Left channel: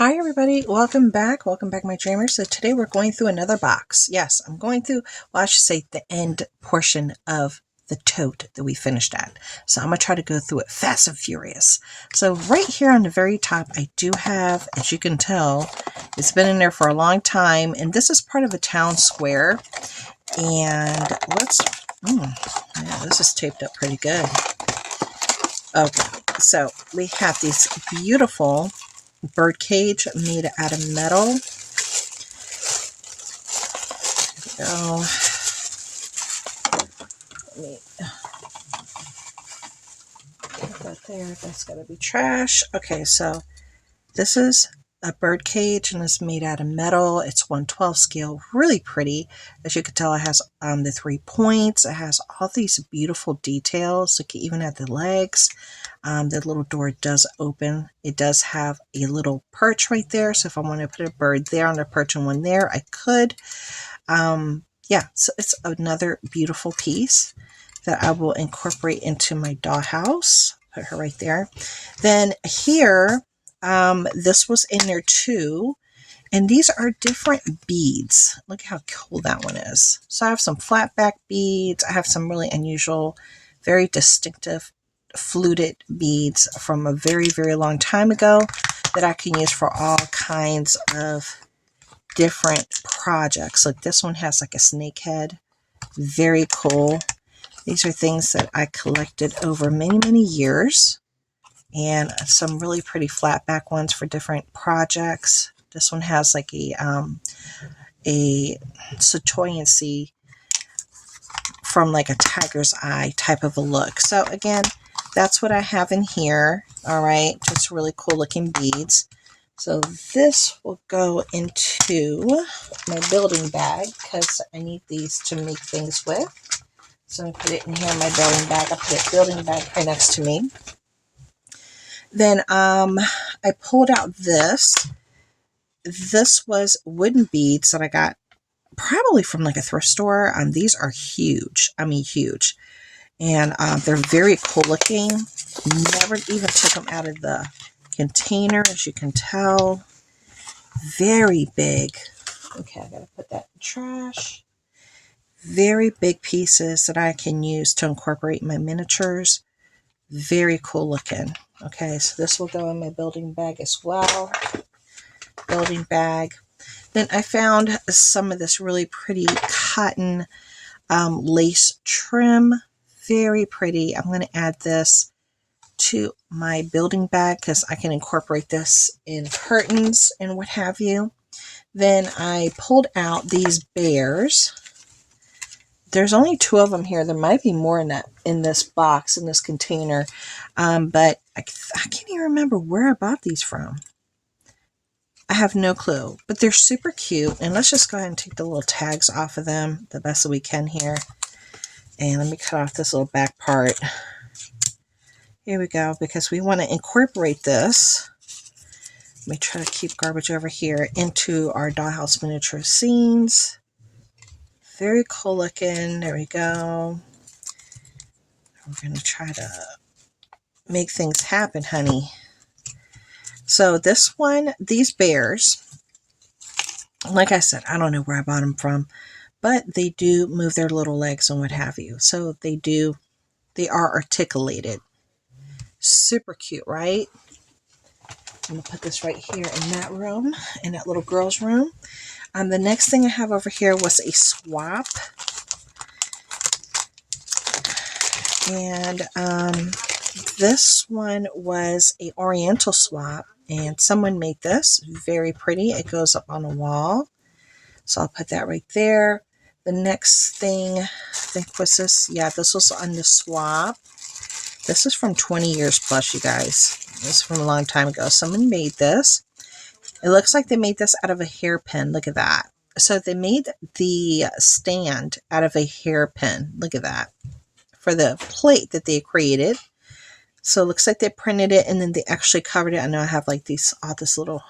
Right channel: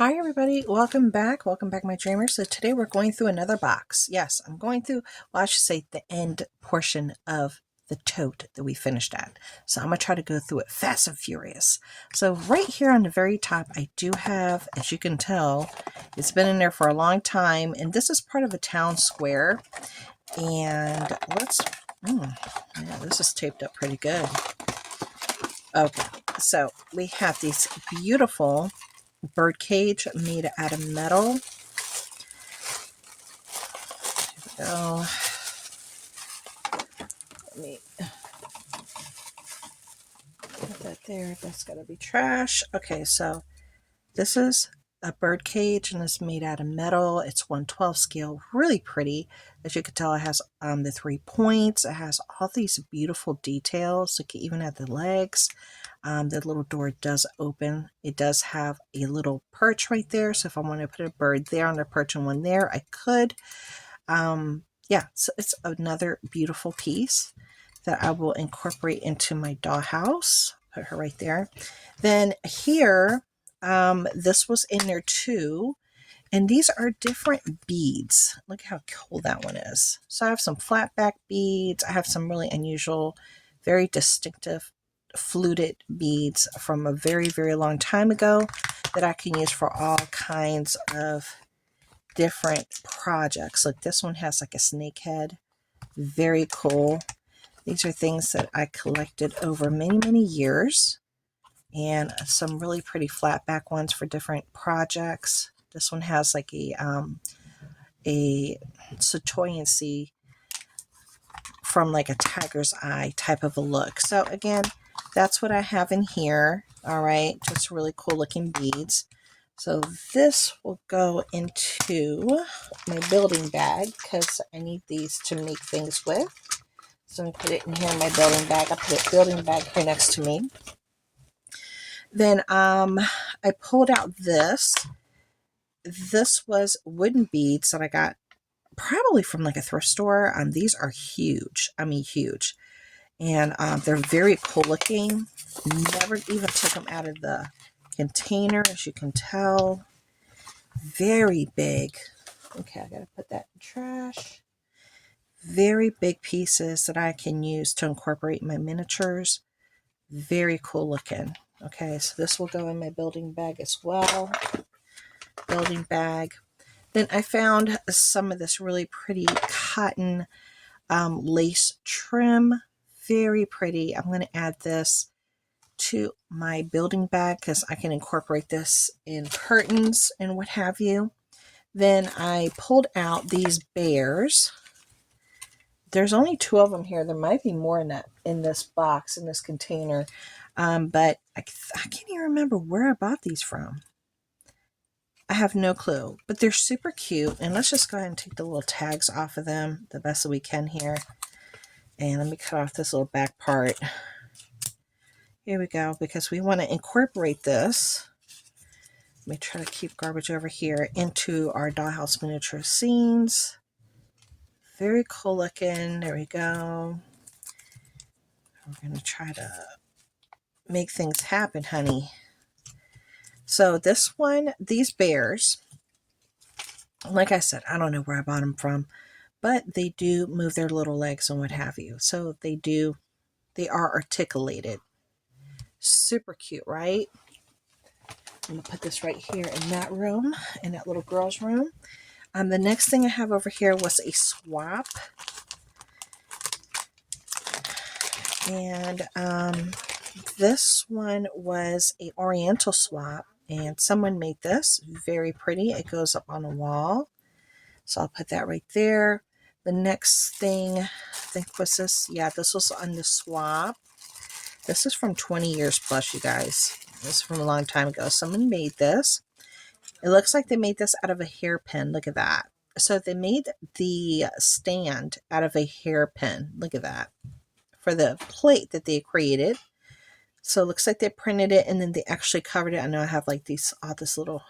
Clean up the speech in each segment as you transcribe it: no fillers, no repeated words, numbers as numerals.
Hi everybody, welcome back my dreamers. So today we're going through another box. Yes, I'm going through, well I should say the end portion of the tote that we finished at. So I'm going to try to go through it fast and furious. So right here on the very top I do have, as you can tell, it's been in there for a long time, and this is part of a town square. And let's, yeah, this is taped up pretty good. Okay, so we have these beautiful bird cage made out of metal. There we go. Let me put that there. That's got to be trash. Okay, so this is a bird cage and it's made out of metal. It's 1/12 scale, really pretty. As you can tell, it has the 3 points. It has all these beautiful details. Look, even at the legs. The little door does open. It does have a little perch right there. So if I want to put a bird there and a perch and one there, I could. Yeah, so it's another beautiful piece that I will incorporate into my dollhouse. Put her right there. Then here, this was in there too. And these are different beads. Look how cool that one is. So I have some flat back beads. I have some really unusual, very distinctive fluted beads from a very, very long time ago that I can use for all kinds of different projects. Like this one has like a snake head. Very cool. These are things that I collected over many, many years. And some really pretty flat back ones for different projects. This one has like a Satoyancy from like a tiger's eye type of a look. So again, that's what I have in here. All right, just really cool looking beads. So this will go into my building bag because I need these to make things with. So I put it in here in my building bag. I put a building bag here next to me. Then I pulled out this. This was wooden beads that I got probably from like a thrift store. These are huge. I mean huge. And they're very cool looking. Never even took them out of the container, as you can tell. Very big. Okay, I gotta put that in trash. Very big pieces that I can use to incorporate my miniatures. Very cool looking. Okay, so this will go in my building bag as well. Building bag. Then I found some of this really pretty cotton lace trim. Very pretty. I'm going to add this to my building bag because I can incorporate this in curtains and what have you. Then I pulled out these bears. There's only 2 of them here. There might be more in this box, in this container, but I can't even remember where I bought these from. I have no clue, but they're super cute. And let's just go ahead and take the little tags off of them the best that we can here. And let me cut off this little back part. Here we go, because we want to incorporate this. Let me try to keep garbage over here into our Dollhouse Miniature scenes. Very cool looking. There we go. We're going to try to make things happen, honey. So this one, these bears, like I said, I don't know where I bought them from, but they do move their little legs and what have you. So they are articulated. Super cute, right? I'm going to put this right here in that room, in that little girl's room. The next thing I have over here was a swap. And this one was a Oriental swap. And someone made this. Very pretty. It goes up on a wall. So I'll put that right there. The next thing, I think was this. Yeah, this was on the swap. This is from 20 years plus, you guys. This is from a long time ago. Someone made this. It looks like they made this out of a hairpin. Look at that. So they made the stand out of a hairpin. Look at that. For the plate that they created. So it looks like they printed it and then they actually covered it. I know I have like all this little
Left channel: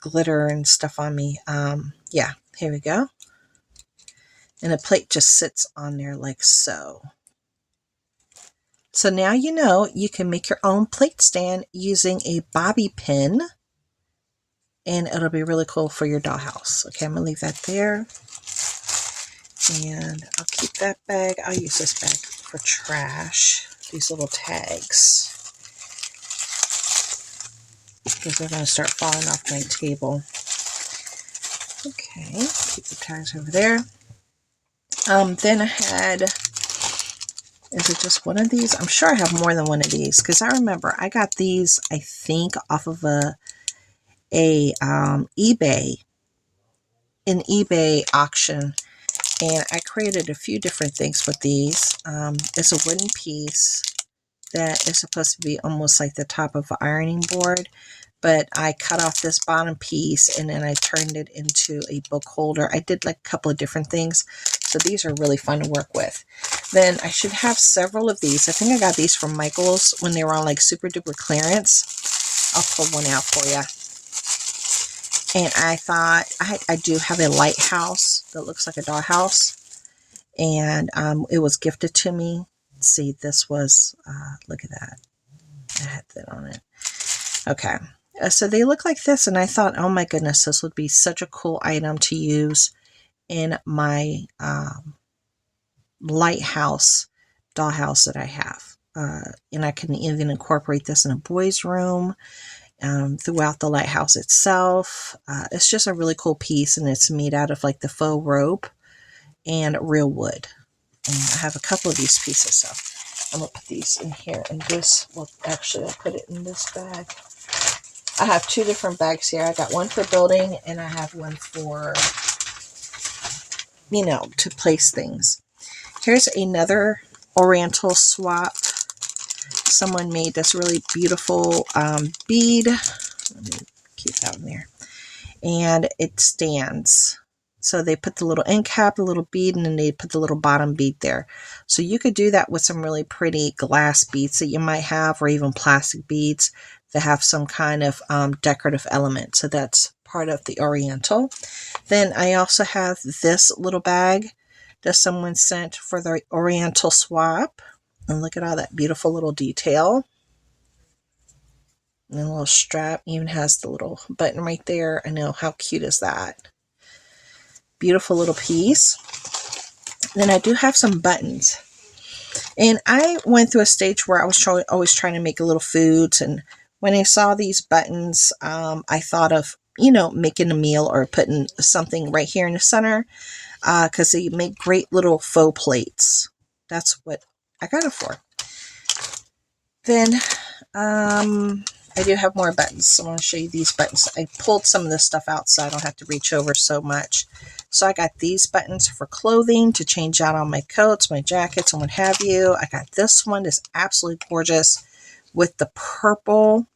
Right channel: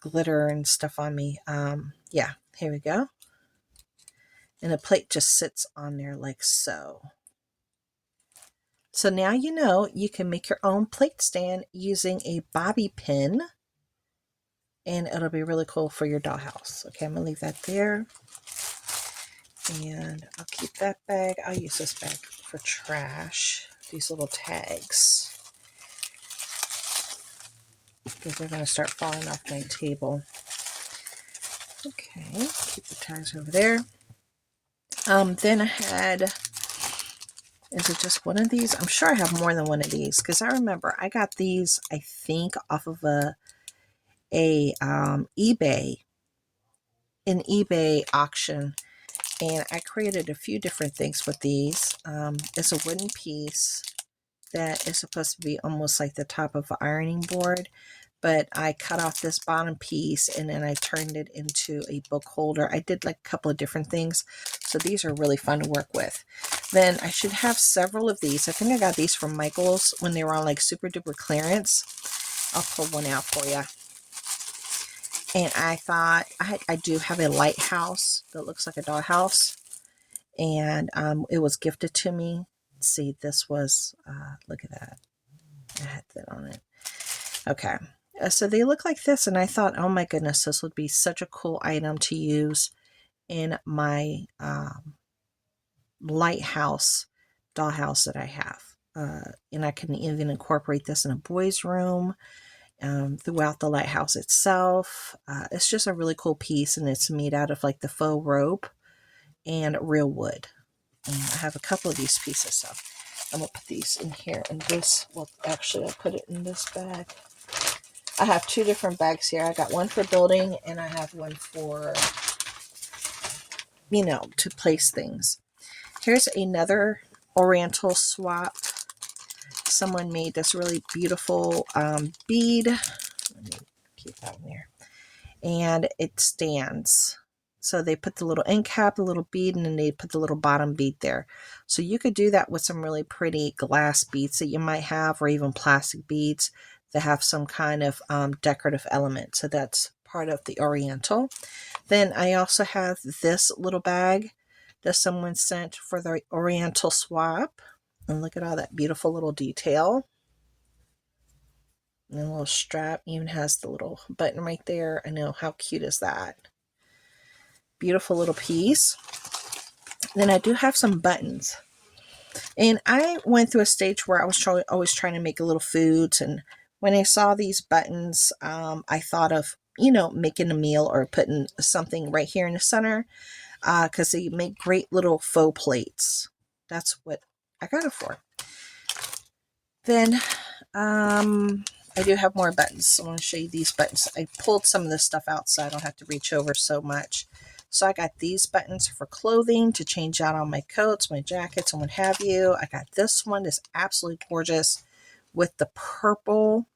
glitter and stuff on me. Yeah, here we go. And the plate just sits on there like so. So now you know you can make your own plate stand using a bobby pin. and it'll be really cool for your dollhouse. Okay, I'm gonna leave that there. And I'll keep that bag. I'll use this bag for trash. These little tags. Because they're going to start falling off my table. Okay, keep the tags over there. Then I had, is it just one of these? I'm sure I have more than one of these. Because I remember I got these, I think, off of an eBay auction. And I created a few different things with these. It's a wooden piece that is supposed to be almost like the top of an ironing board. But I cut off this bottom piece and then I turned it into a book holder. I did like a couple of different things. So these are really fun to work with. Then I should have several of these. I think I got these from Michael's when they were on like super duper clearance. I'll pull one out for you. And I thought, I do have a lighthouse that looks like a dollhouse. And it was gifted to me. See, this was, look at that. I had that on it. Okay. So they look like this. And I thought, oh my goodness, this would be such a cool item to use in my lighthouse dollhouse that I have. And I can even incorporate this in a boys' room. Throughout the lighthouse itself. It's just a really cool piece, and it's made out of like the faux rope and real wood. And I have a couple of these pieces, so I'm going to put these in here. And this, well, actually, I'll put it in this bag. I have two different bags here. I got one for building, and I have one for, you know, to place things. Here's another Oriental swap. Someone made this really beautiful bead. Let me keep that in there. And it stands. So they put the little end cap, the little bead, and then they put the little bottom bead there. So you could do that with some really pretty glass beads that you might have, or even plastic beads that have some kind of decorative element. So that's part of the Oriental. Then I also have this little bag that someone sent for the Oriental swap. And look at all that beautiful little detail. And a little strap even has the little button right there. I know, how cute is that? Beautiful little piece. Then I do have some buttons. And I went through a stage where I was always trying to make little foods. And when I saw these buttons, I thought of, you know, making a meal or putting something right here in the center. Because they make great little faux plates. That's what I got it for. Then I do have more buttons. So I want to show you these buttons. I pulled some of this stuff out so I don't have to reach over so much. So I got these buttons for clothing to change out on my coats, my jackets, and what have you. I got this one. It's absolutely gorgeous with the purple.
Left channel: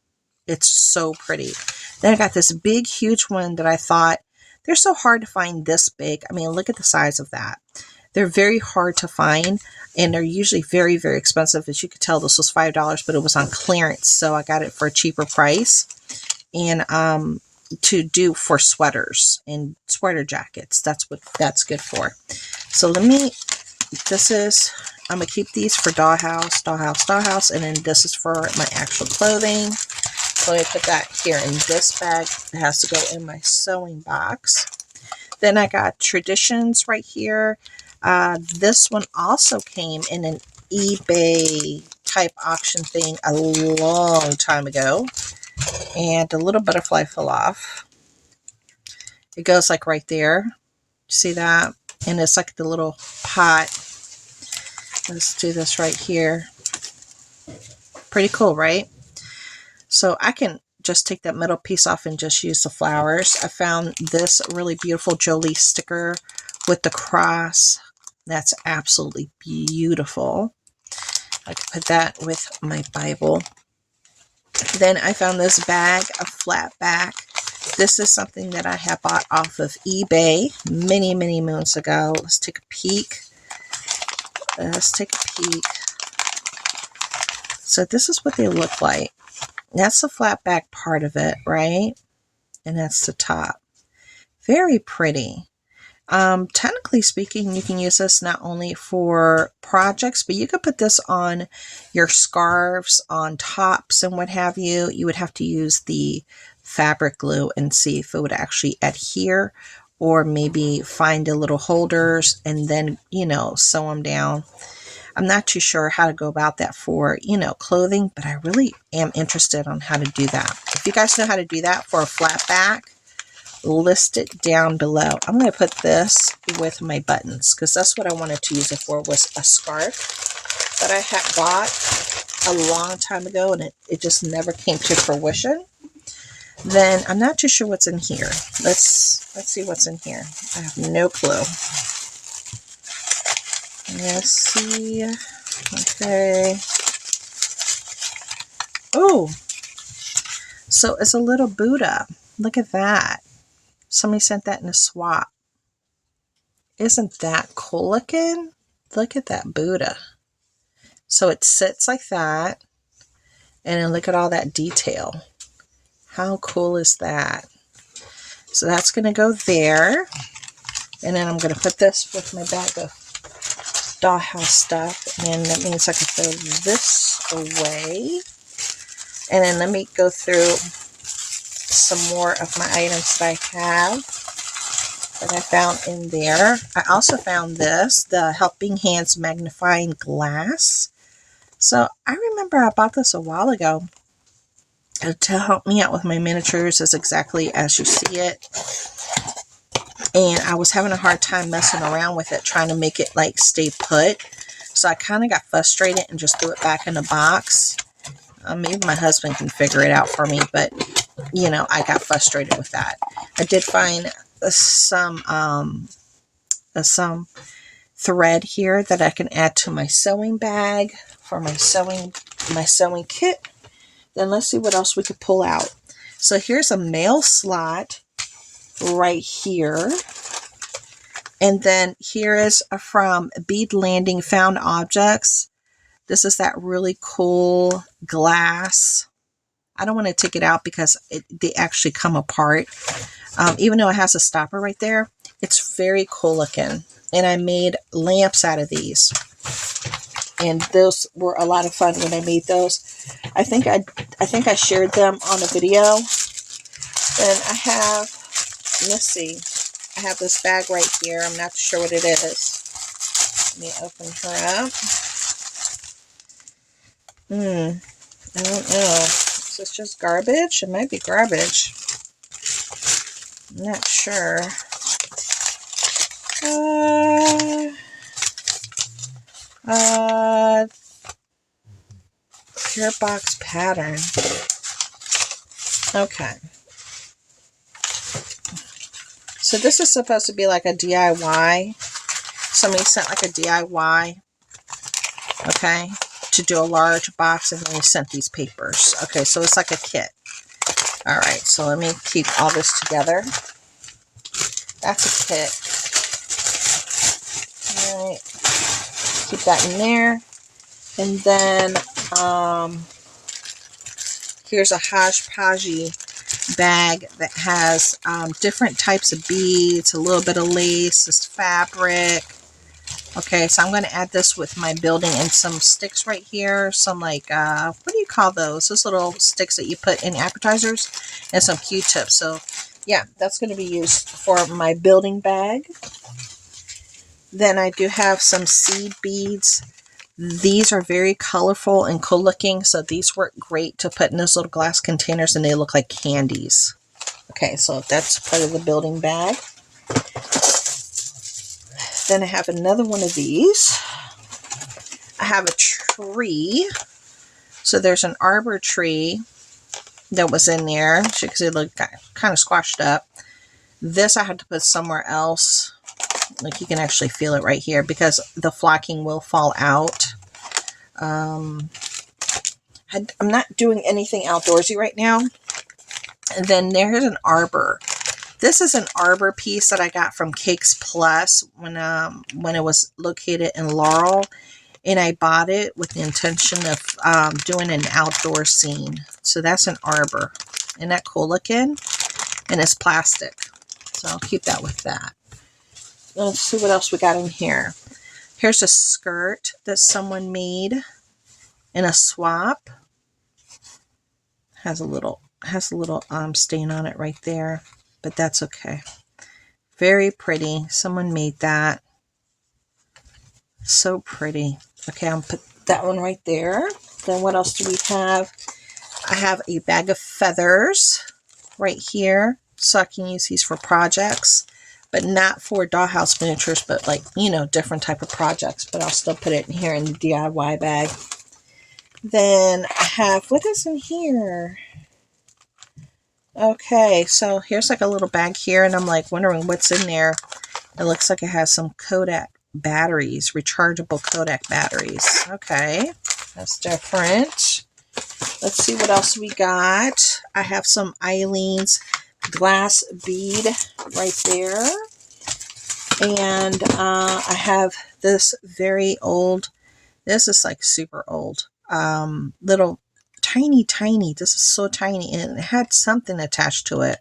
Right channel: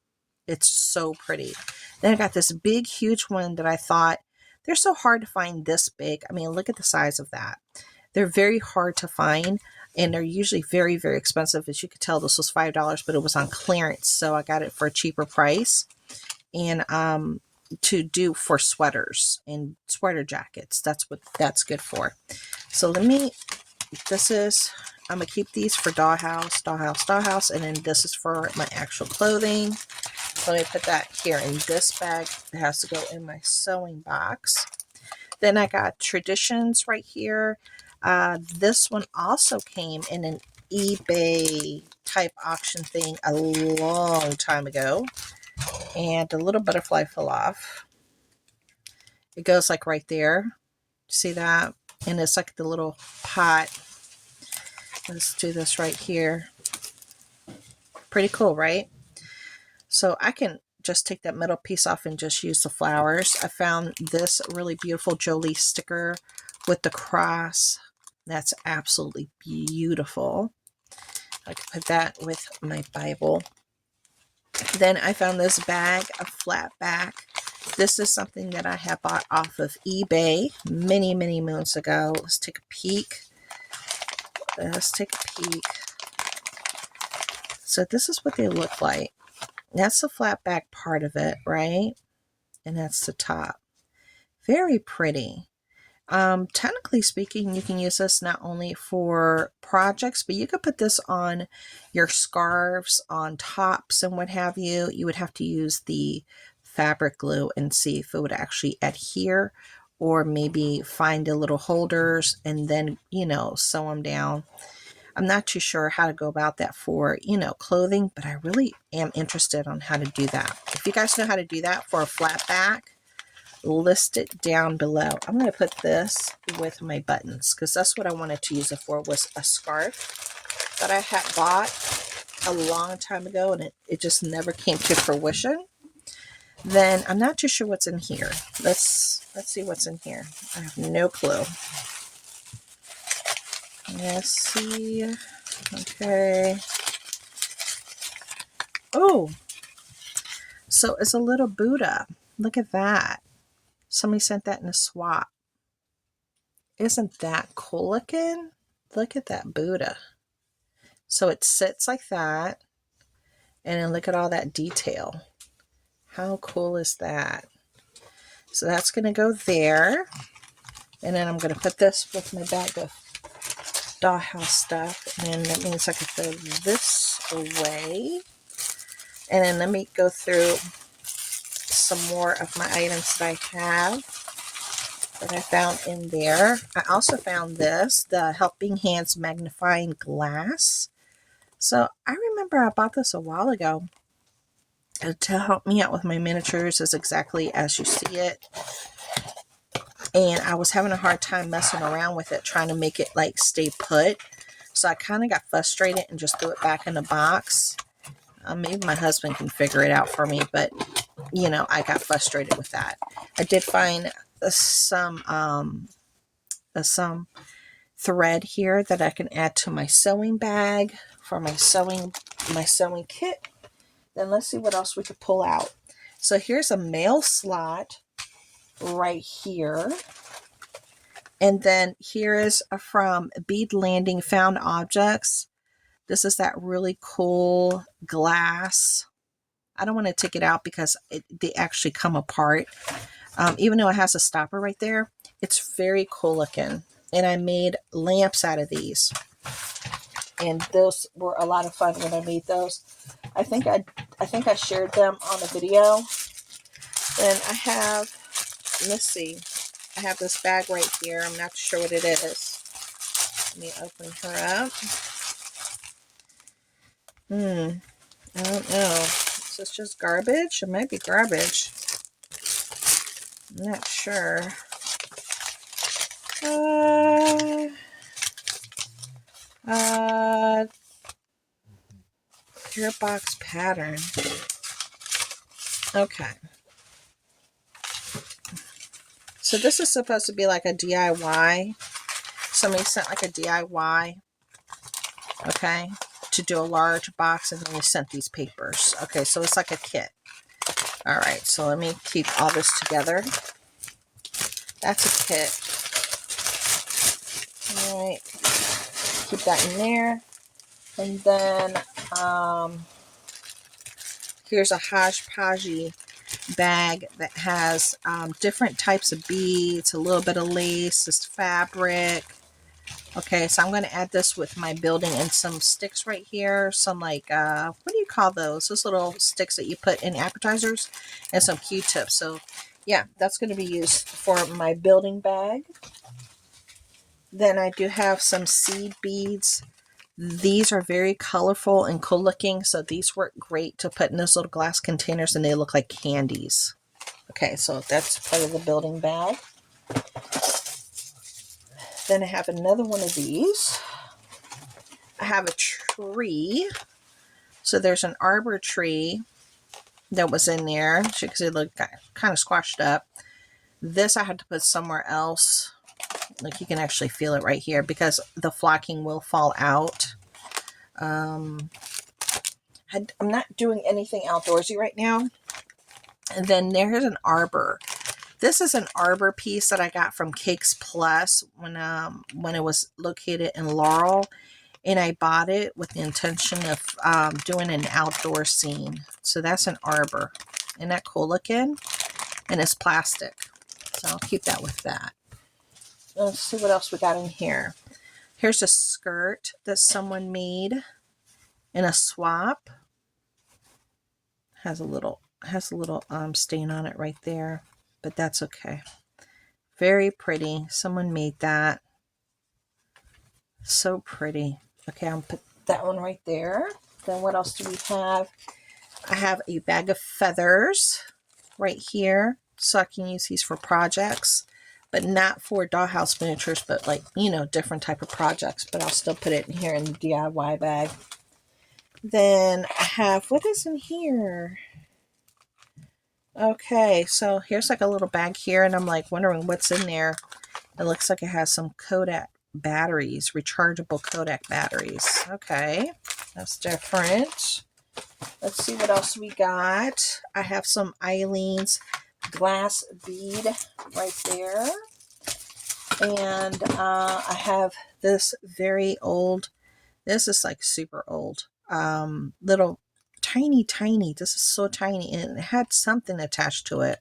It's so pretty. Then I got this big, huge one that I thought, they're so hard to find this big. I mean, look at the size of that. They're very hard to find, and they're usually very, very expensive. As you could tell, this was $5, but it was on clearance, so I got it for a cheaper price. And to do for sweaters and sweater jackets, that's what that's good for. So I'm going to keep these for dollhouse, and then this is for my actual clothing. So I put that here in this bag. It has to go in my sewing box. Then I got Traditions right here. This one also came in an eBay type auction thing a long time ago. And the little butterfly fell off. It goes like right there. See that? And it's like the little pot. Let's do this right here. Pretty cool, right? So I can just take that middle piece off and just use the flowers. I found this really beautiful Jolie sticker with the cross. That's absolutely beautiful. I could put that with my Bible. Then I found this bag, a flat back. This is something that I had bought off of eBay many, many moons ago. Let's take a peek. So this is what they look like. That's the flat back part of it, right? And that's the top. Very pretty. Technically speaking, you can use this not only for projects, but you could put this on your scarves, on tops, and what have you. You would have to use the fabric glue and see if it would actually adhere, or maybe find the little holders and then, you know, sew them down. I'm not too sure how to go about that for, you know, clothing, but I really am interested on how to do that. If you guys know how to do that for a flat back, list it down below. I'm going to put this with my buttons because that's what I wanted to use it for, was a scarf that I had bought a long time ago, and it just never came to fruition. Then I'm not too sure what's in here. Let's see what's in here. I have no clue. Let's see. Okay. Oh, so it's a little Buddha. Look at that. Somebody sent that in a swap. Isn't that cool looking? Look at that Buddha. So it sits like that. And then look at all that detail. How cool is that? So that's going to go there. And then I'm going to put this with my bag of dollhouse stuff. And that means I can throw this away. And then let me go through some more of my items that I have that I found in there. I also found this, the Helping Hands magnifying glass. So I remember I bought this a while ago to help me out with my miniatures. Is exactly as you see it. And I was having a hard time messing around with it, trying to make it like stay put. So I kind of got frustrated and just threw it back in the box. Maybe my husband can figure it out for me, but you know, I got frustrated with that. I did find some thread here that I can add to my sewing bag for my sewing kit. Then let's see what else we could pull out. So here's a mail slot right here. And then here is from Bead Landing Found Objects. This is that really cool glass. I don't want to take it out because they actually come apart. Even though it has a stopper right there, it's very cool looking. And I made lamps out of these. And those were a lot of fun when I made those. I think I shared them on a video. And I have, let's see, I have this bag right here. I'm not sure what it is. Let me open her up. I don't know. Is this just garbage? It might be garbage. I'm not sure. Pure box pattern. Okay. So this is supposed to be like a DIY. Somebody sent like a DIY. Okay. To do a large box, and then we sent these papers. Okay, so it's like a kit. All right, so let me keep all this together. That's a kit. All right, keep that in there. And then here's a hodgepodge bag that has different types of beads, a little bit of lace, this fabric. Okay, so I'm going to add this with my building and some sticks right here. Some like, what do you call those? Those little sticks that you put in appetizers, and some Q-tips. So yeah, that's going to be used for my building bag. Then I do have some seed beads. These are very colorful and cool looking. So these work great to put in those little glass containers, and they look like candies. Okay, so that's part of the building bag. Then I have another one of these. I have a tree. So there's an arbor tree that was in there because it looked kind of squashed up. This I had to put somewhere else. Like you can actually feel it right here because the flocking will fall out. I'm not doing anything outdoorsy right now. And then there's an arbor. This is an arbor piece that I got from Cakes Plus when it was located in Laurel, and I bought it with the intention of doing an outdoor scene. So that's an arbor. Isn't that cool looking? And it's plastic, so I'll keep that with that. Let's see what else we got in here. Here's a skirt that someone made in a swap. Has a little, has a little stain on it right there, but that's okay. Very pretty. Someone made that. So pretty. Okay, I'll put that one right there. Then what else do we have? I have a bag of feathers right here, so I can use these for projects, but not for Dollhouse Miniatures, but like, you know, different type of projects, but I'll still put it in here in the DIY bag. Then I have, what is in here? Okay, so here's like a little bag here, and I'm like wondering what's in there. It looks like it has some Kodak batteries, rechargeable Kodak batteries. Okay, that's different. Let's see what else we got. I have some Eileen's glass bead right there. And I have this very old, this is like super old, little tiny, this is so tiny, and it had something attached to it.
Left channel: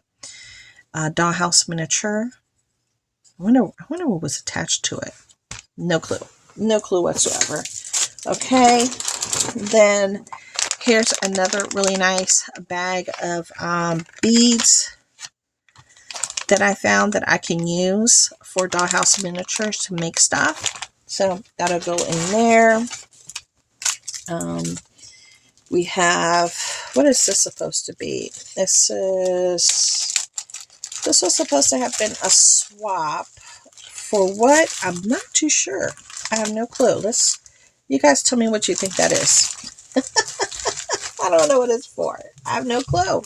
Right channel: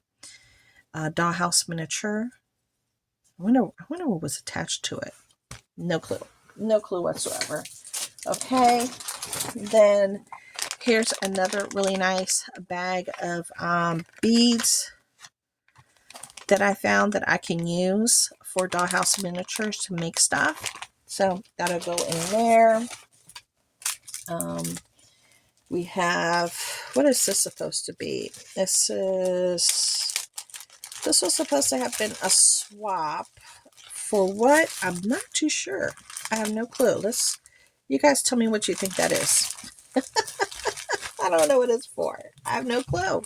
Dollhouse miniature. I wonder what was attached to it. No clue whatsoever. Okay, then here's another really nice bag of beads that I found that I can use for Dollhouse Miniatures to make stuff. So that'll go in there. We have, what is this supposed to be? This was supposed to have been a swap. For what? I'm not too sure. I have no clue. You guys tell me what you think that is. I don't know what it's for. I have no clue.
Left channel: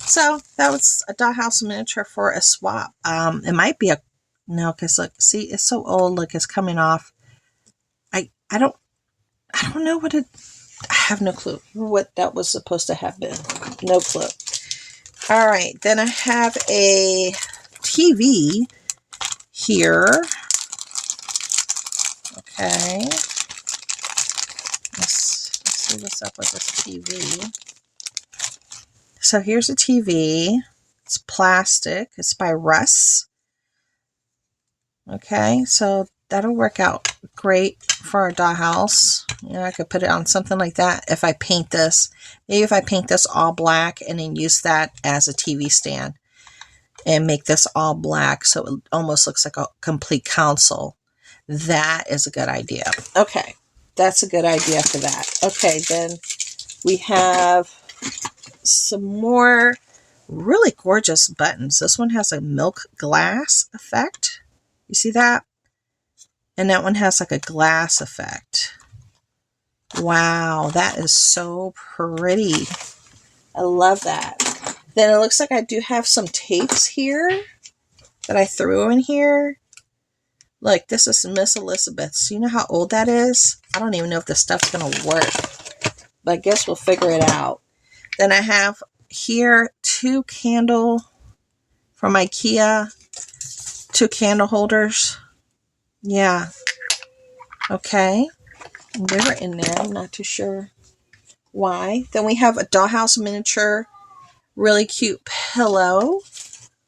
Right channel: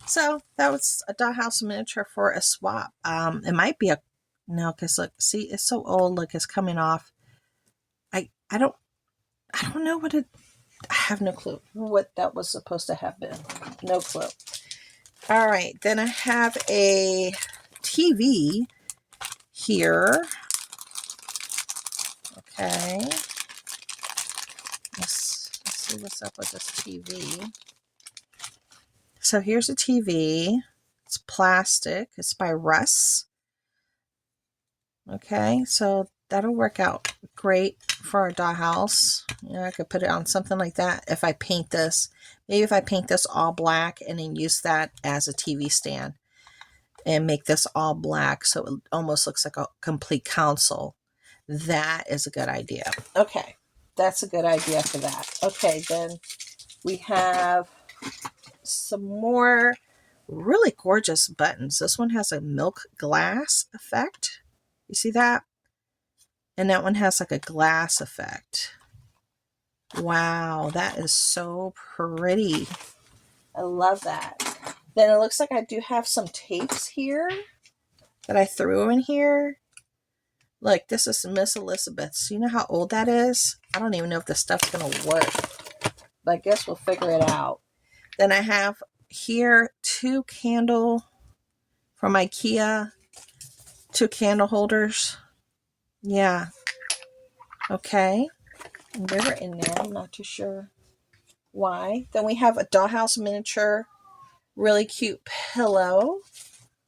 So that was a Dollhouse Miniature for a swap. It might be no, because look, see, it's so old. Look, it's coming off. I don't know what I have no clue what that was supposed to have been. No clue. All right, then I have a TV here. Okay. Let's see what's up with this TV. So here's a TV. It's plastic. It's by Russ. Okay, so that'll work out great for a dollhouse. You know, I could put it on something like that if I paint this. Maybe if I paint this all black and then use that as a TV stand and make this all black so it almost looks like a complete console. That is a good idea. Okay, that's a good idea for that. Okay, then we have some more really gorgeous buttons. This one has a milk glass effect. You see that? And that one has like a glass effect. Wow, that is so pretty. I love that. Then it looks like I do have some tapes here that I threw in here. Like, this is Miss Elizabeth's. You know how old that is? I don't even know if this stuff's going to work. But I guess we'll figure it out. Then I have here 2 candle from IKEA. 2 candle holders. Yeah. Okay. They were in there. I'm not too sure why. Then we have a Dollhouse Miniature really cute pillow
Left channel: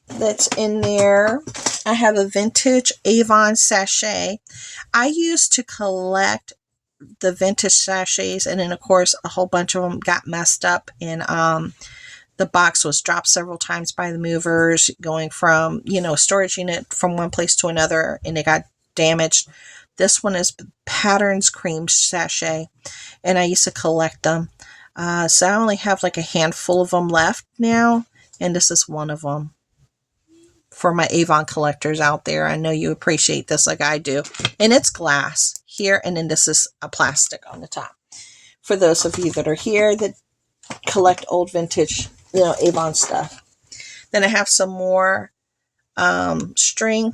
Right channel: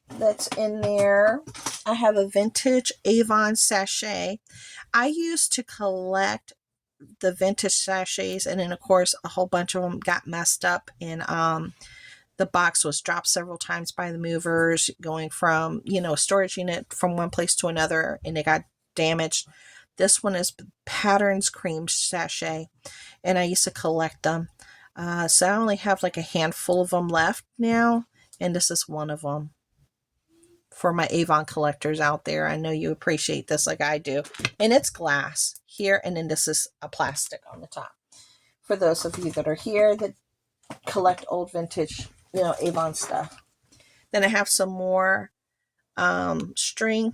that's in there. I have a vintage Avon sachet. I used to collect the vintage sachets, and then of course a whole bunch of them got messed up, and the box was dropped several times by the movers going from, you know, storage unit from one place to another, and it got damaged. This one is Patterns Cream Sachet, and I used to collect them. So I only have like a handful of them left now, and this is one of them. For my Avon collectors out there, I know you appreciate this like I do. And it's glass here, and then this is a plastic on the top. For those of you that are here that collect old vintage, you know, Avon stuff. Then I have some more string,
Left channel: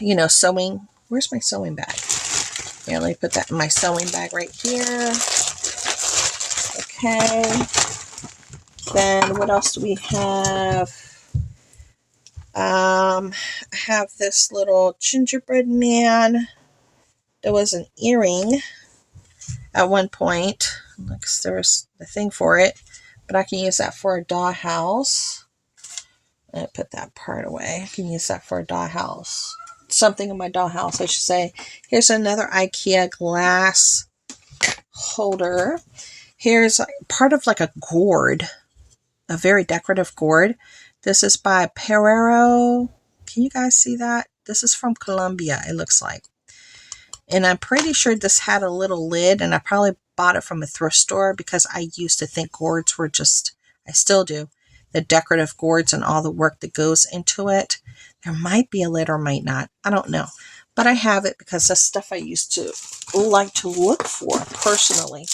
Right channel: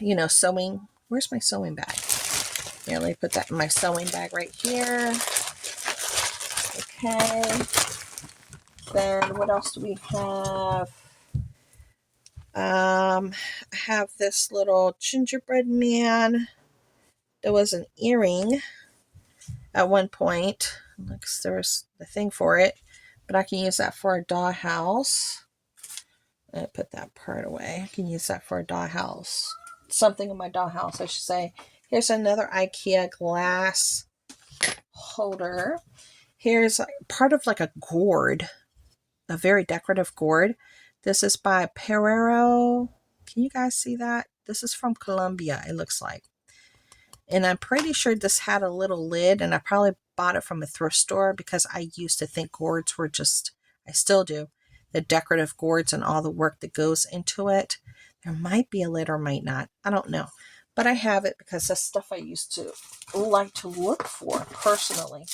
you know, sewing. Where's my sewing bag? Here, let me put that in my sewing bag right here. Okay. Then what else do we have? I have this little gingerbread man. There was an earring at one point. Looks there's the thing for it, but I can use that for a dollhouse. I put that part away. I can use that for a dollhouse. Something in my dollhouse, I should say. Here's another IKEA glass holder. Here's part of like a gourd, a very decorative gourd. This is by Perero. Can you guys see that? This is from Colombia, it looks like. And I'm pretty sure this had a little lid, and I probably bought it from a thrift store because I used to think gourds were just, I still do, the decorative gourds and all the work that goes into it. There might be a lid or might not. I don't know. But I have it because that's stuff I used to like to look for personally.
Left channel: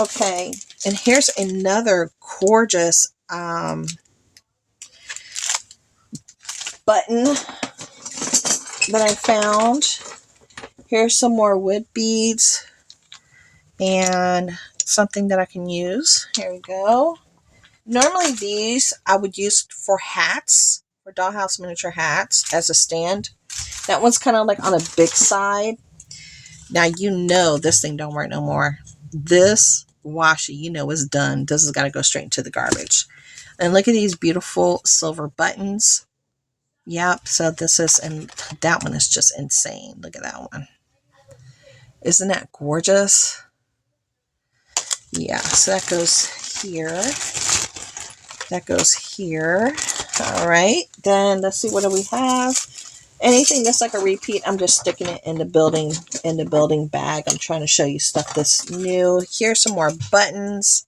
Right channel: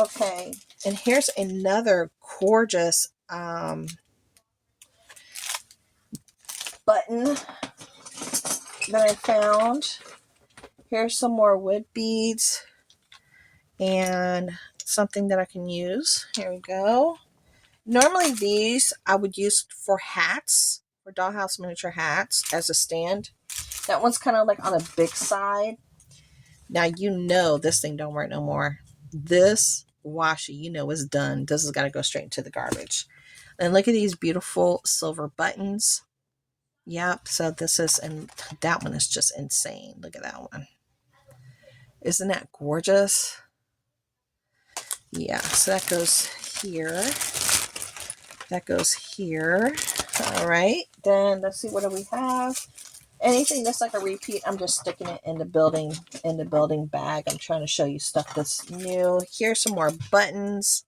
Okay, and here's another gorgeous button that I found. Here's some more wood beads and something that I can use. Here we go. Normally these I would use for hats, for Dollhouse Miniature hats as a stand. That one's kind of like on the big side. Now you know this thing don't work no more. This washi, you know, is done. This has got to go straight into the garbage. And look at these beautiful silver buttons. Yep, so this is, and that one is just insane. Look at that one. Isn't that gorgeous? Yeah, so that goes here. That goes here. All right, then let's see, what do we have? Anything that's like a repeat, I'm just sticking it in the building bag. I'm trying to show you stuff that's new. Here's some more buttons.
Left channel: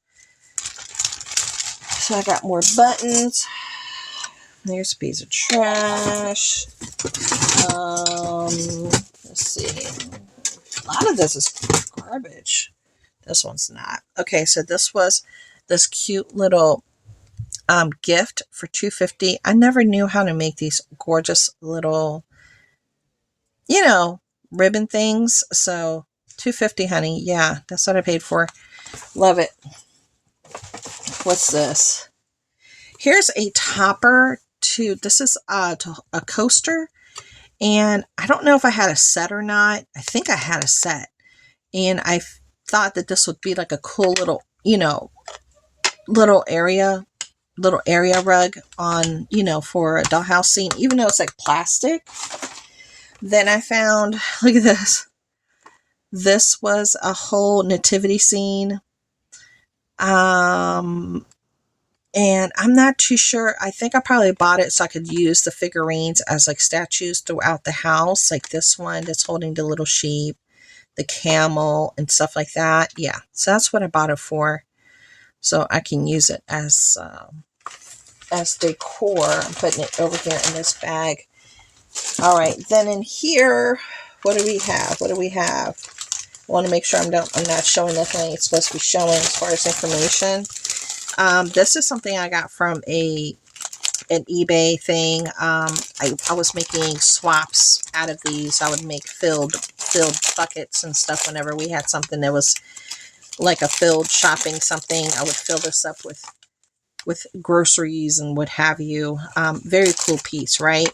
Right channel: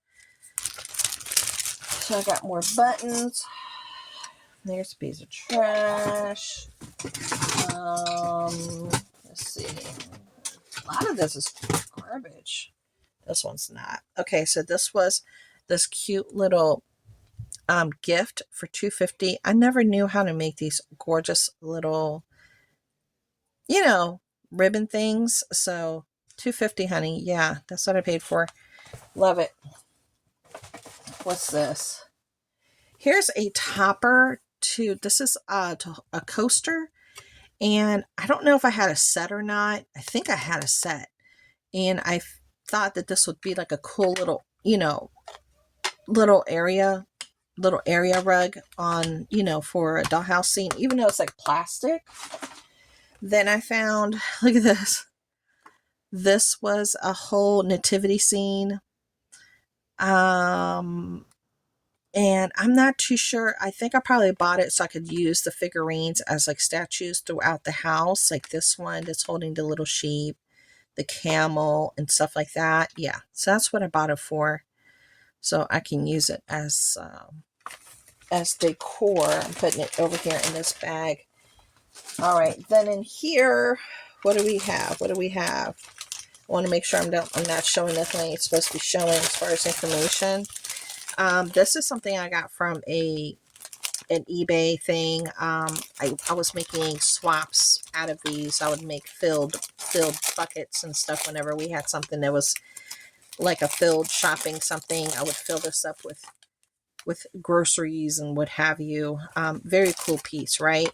So I got more buttons. Here's a piece of trash. Let's see. A lot of this is garbage. This one's not. Okay, so this was this cute little gift for $2.50. I never knew how to make these gorgeous little, you know, ribbon things. So $2.50, honey. Yeah, that's what I paid for. Love it. What's this? Here's a topper to, this is a coaster. And I don't know if I had a set or not. I think I had a set. And I thought that this would be like a cool little, you know, little area rug on, you know, for a dollhouse scene, even though it's like plastic. Then I found, look at this. This was a whole nativity scene. And I'm not too sure. I think I probably bought it so I could use the figurines as like statues throughout the house. Like this one that's holding the little sheep, the camel, and stuff like that. Yeah, so that's what I bought it for. So I can use it as decor. I'm putting it over here in this bag. All right, then in here, what do we have? What do we have? I want to make sure I'm not showing nothing it's supposed to be showing as far as information. This is something I got from an eBay thing. I was making swaps out of these. I would make filled buckets and stuff whenever we had something that was like a filled shopping something. I would fill this up with groceries and what have you. Very cool piece, right?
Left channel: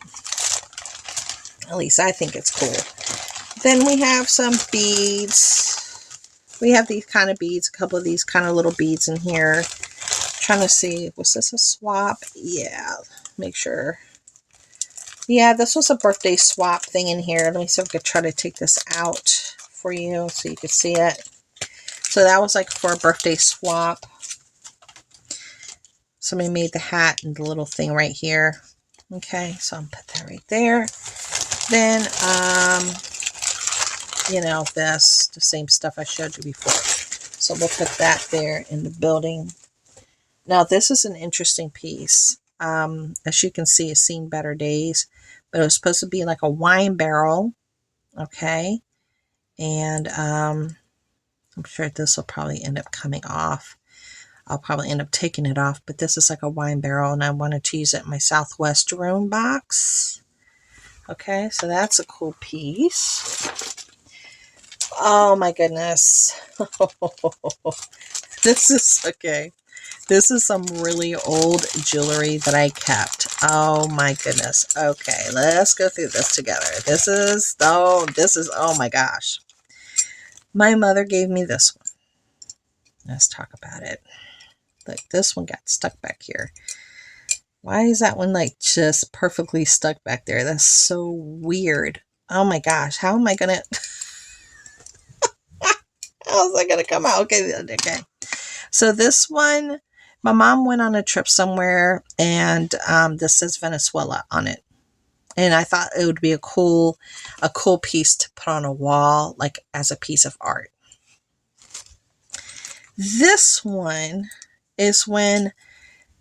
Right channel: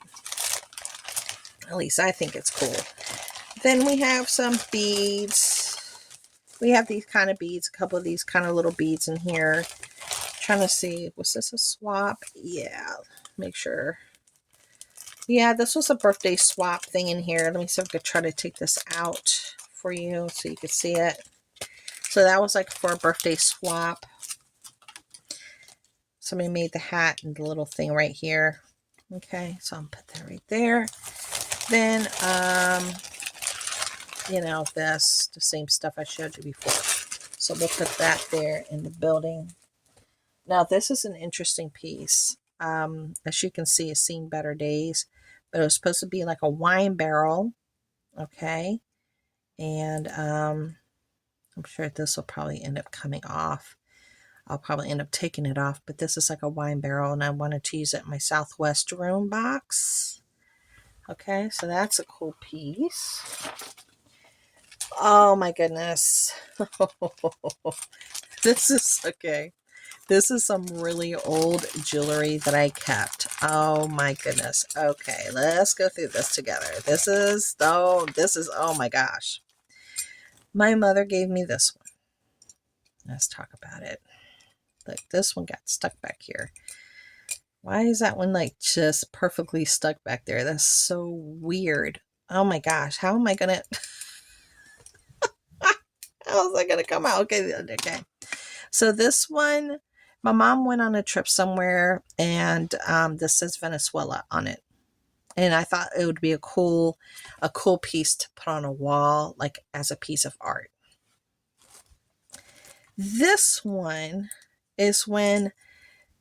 At least I think it's cool. Then we have some beads. We have these kind of beads, a couple of these kind of little beads in here. Trying to see, was this a swap? Yeah, make sure. Yeah, this was a birthday swap thing in here. Let me see if I could try to take this out for you so you could see it. So that was like for a birthday swap. Somebody made the hat and the little thing right here. Okay, so I'll put that right there. Then, you know, this, the same stuff I showed you before. So we'll put that there in the building. Now, this is an interesting piece. As you can see, it's seen better days. But it was supposed to be like a wine barrel. Okay. And I'm sure this will probably end up coming off. I'll probably end up taking it off. But this is like a wine barrel. And I wanted to use it in my Southwest room box. Okay. So that's a cool piece. Oh, my goodness. This is okay. This is some really old jewelry that I kept. Oh my goodness. Okay, let's go through this together. This is, oh my gosh. My mother gave me this one. Let's talk about it. Look, this one got stuck back here. Why is that one like just perfectly stuck back there? That's so weird. Oh my gosh, how is that gonna come out? Okay. So this one, my mom went on a trip somewhere, and this says Venezuela on it. And I thought it would be a cool piece to put on a wall, like as a piece of art. This one is when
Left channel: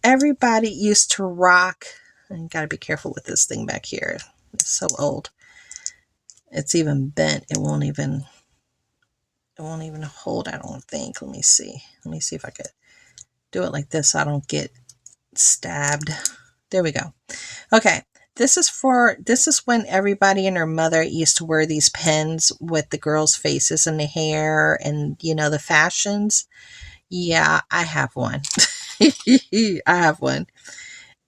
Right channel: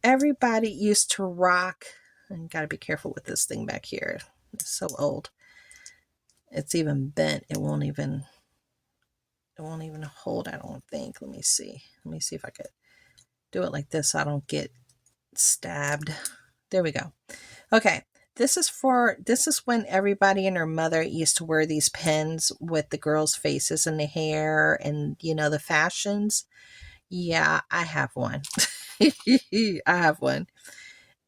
everybody used to rock. And you gotta be careful with this thing back here. It's so old. It's even bent. It won't even hold, I don't think. Let me see if I could do it like this so I don't get stabbed. There we go. Okay. This is when everybody and their mother used to wear these pins with the girls' faces and the hair and, you know, the fashions. Yeah, I have one. I have one.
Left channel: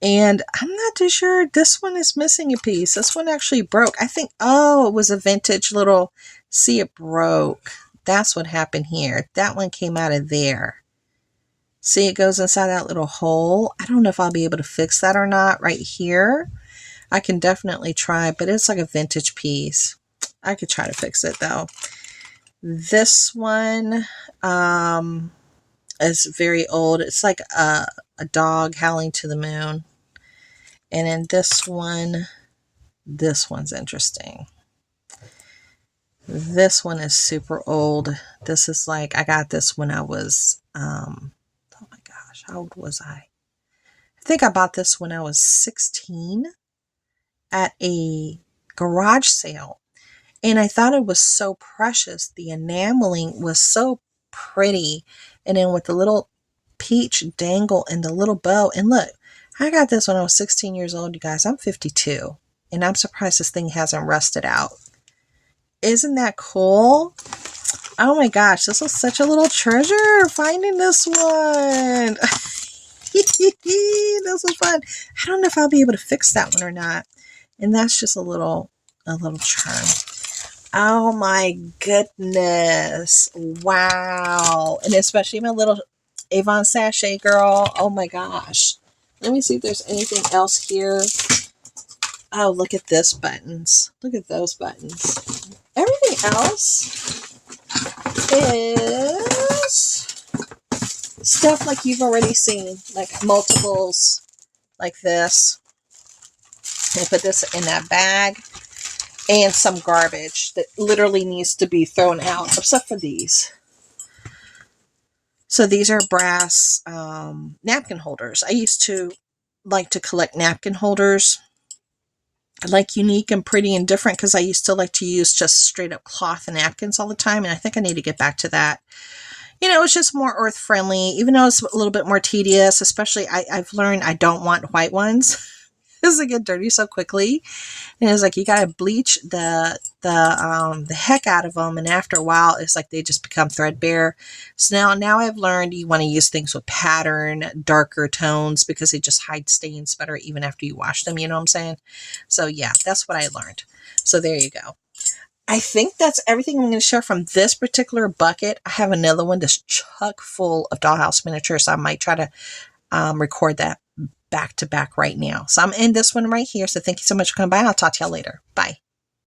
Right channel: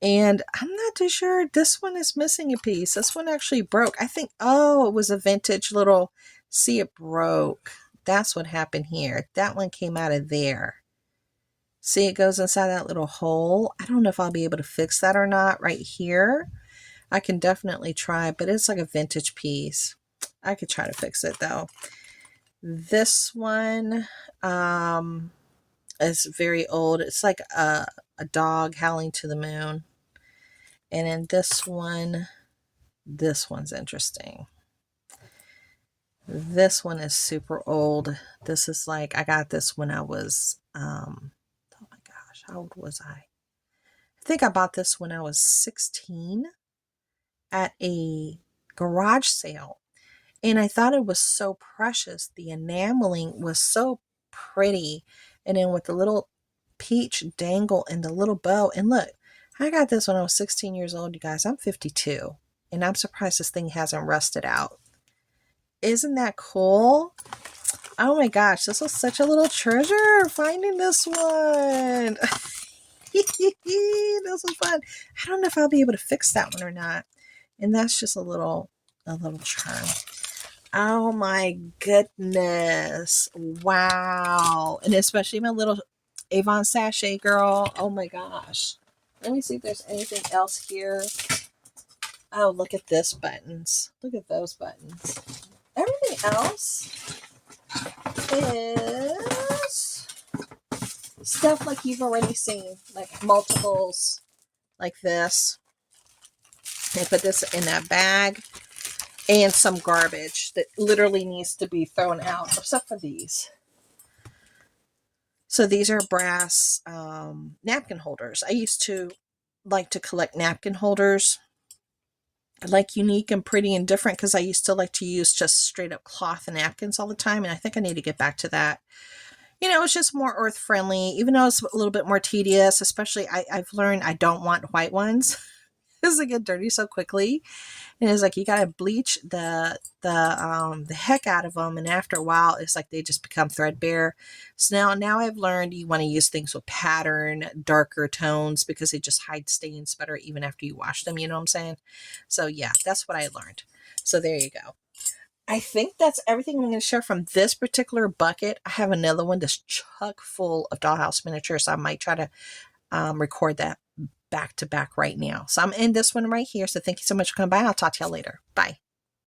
And I'm not too sure. This one is missing a piece. This one actually broke. I think, oh, it was a vintage little, see, it broke. That's what happened here. That one came out of there. See, it goes inside that little hole. I don't know if I'll be able to fix that or not right here. I can definitely try, but it's like a vintage piece. I could try to fix it though. This one is very old. It's like a dog howling to the moon. And then this one's interesting. This one is super old. This is like, I got this when I was, oh my gosh, how old was I? I think I bought this when I was 16 at a garage sale. And I thought it was so precious. The enameling was so pretty. And then with the little peach dangle and the little bow. And look, I got this when I was 16 years old, you guys. I'm 52. And I'm surprised this thing hasn't rusted out. Isn't that cool? Oh my gosh, this was such a little treasure, finding this one. This was fun. I don't know if I'll be able to fix that one or not. And that's just a little charm. Oh my goodness. Wow. And especially my little Avon sachet girl. Oh my gosh. Let me see if there's anything else here. Oh, look at this buttons. Look at those buttons. Everything else is stuff like you've already seen, like multiples like this. I put this in that bag, and some garbage that literally needs to be thrown out, except for these. So these are brass napkin holders. I used to like to collect napkin holders, like unique and pretty and different, because I used to like to use just straight up cloth and napkins all the time, and I think I need to get back to that. You know, it's just more earth friendly, even though it's a little bit more tedious. Especially I've learned I don't want white ones because they get dirty so quickly. And it's like you gotta bleach the heck out of them, and after a while, it's like they just become threadbare. So now I've learned you want to use things with pattern, darker tones, because they just hide stains better even after you wash them. You know what I'm saying? So yeah, that's what I learned. So there you go. I think that's everything I'm going to share from this particular bucket. I have another one that's chock full of Dollhouse Miniatures. So I might try to record that back to back right now. So I'm in this one right here. So thank you so much for coming by. I'll talk to y'all later. Bye.